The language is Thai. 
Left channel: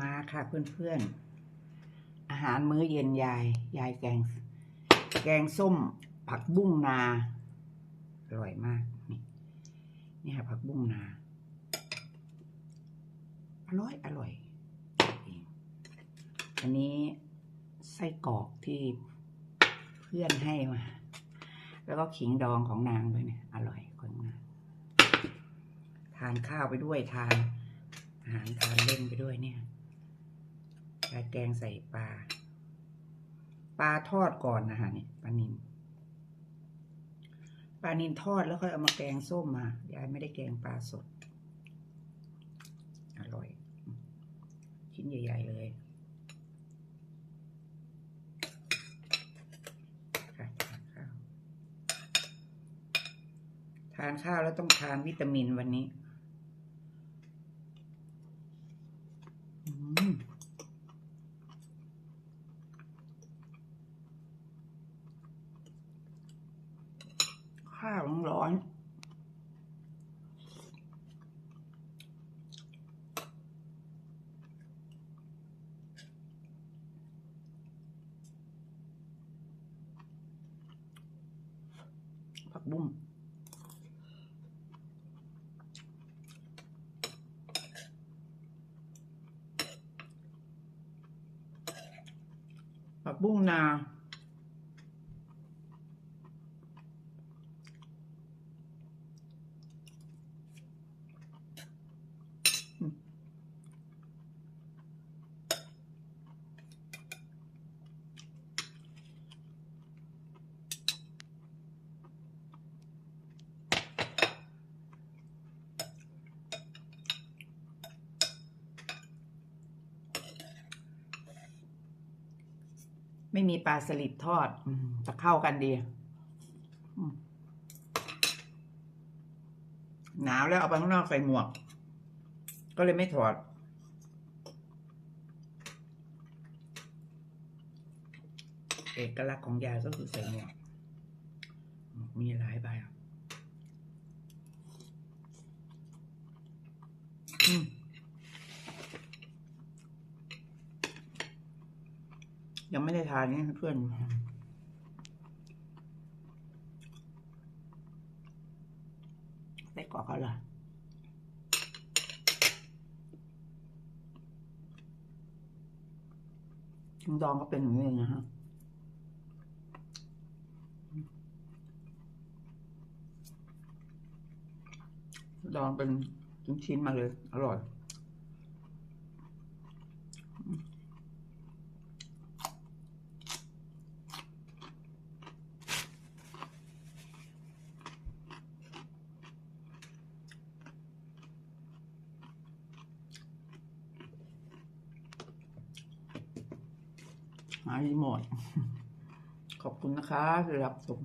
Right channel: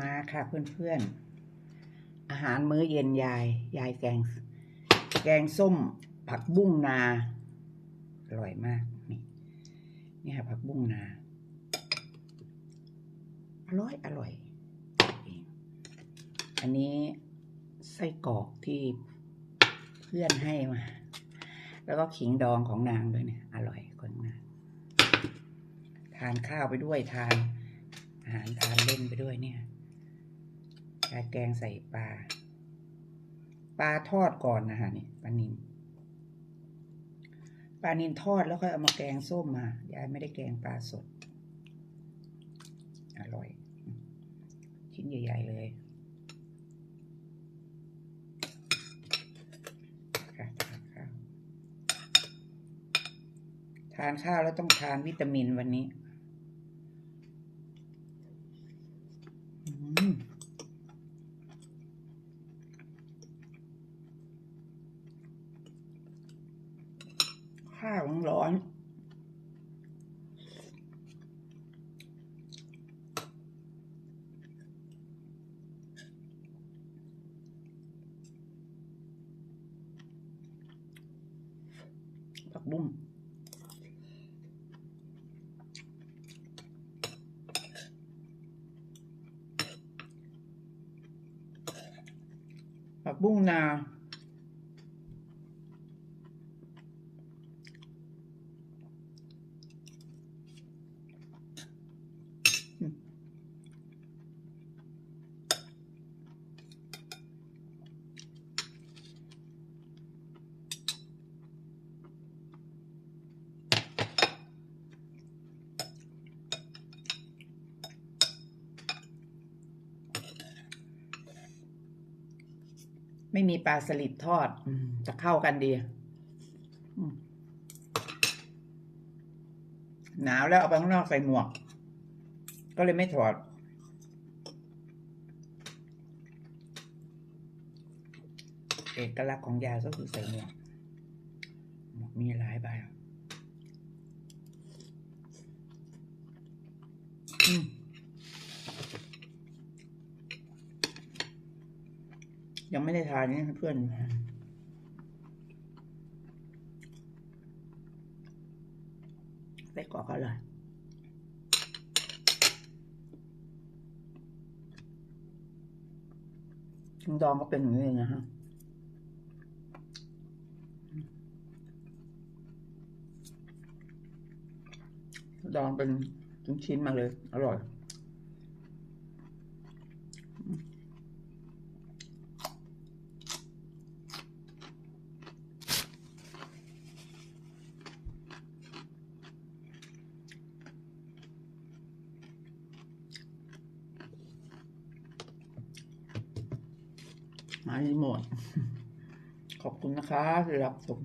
มาค่ะเพื่อนๆ อาหารมื้อเย็นยาย ยายแกง แกงส้ม ผักบุ้งนา อร่อยมาก นี่นี่ค่ะผักบุ้งนา อร่อย อร่อย อันนี้ไส้กรอกที่เพื่อนให้มา แล้วก็ขิงดองของนางด้วยเนี่ย อร่อยของนางทานข้าวไปด้วยทานอาหารทานเล่นไปด้วยเนี่ย ยายแกงใส่ปลา ปลาทอดก่อนนะฮะนี่ปลานินปลานินทอดแล้วค่อยเอามาแกงส้มมายายไม่ได้แกงปลาสด อร่อย ชิ้นใหญ่ ๆ เลยทานข้าวทานข้าวแล้วต้องทานวิตามินวันนี้ อืม ข้าวร้อนผักบุ้งผักบุ้งนา ไม่มีปลาสลิดทอดอืมจะเข้ากันดีอืมหนาวแล้วเอาไปข้างนอกใส่หมวก ก็เลยไม่ถอด เอกลักษณ์ของยายก็คือใส่หมวกหมวกมีหลายใบอะอืม ยังไม่ได้ทานนี่เพื่อน ไส้กรอกอร่อยชิงดองก็เป็นอย่างนี้นะฮะดองเป็นชิ้นๆมาเลย อร่อย หารีโมทขอบคุณนะคะสำหรับชม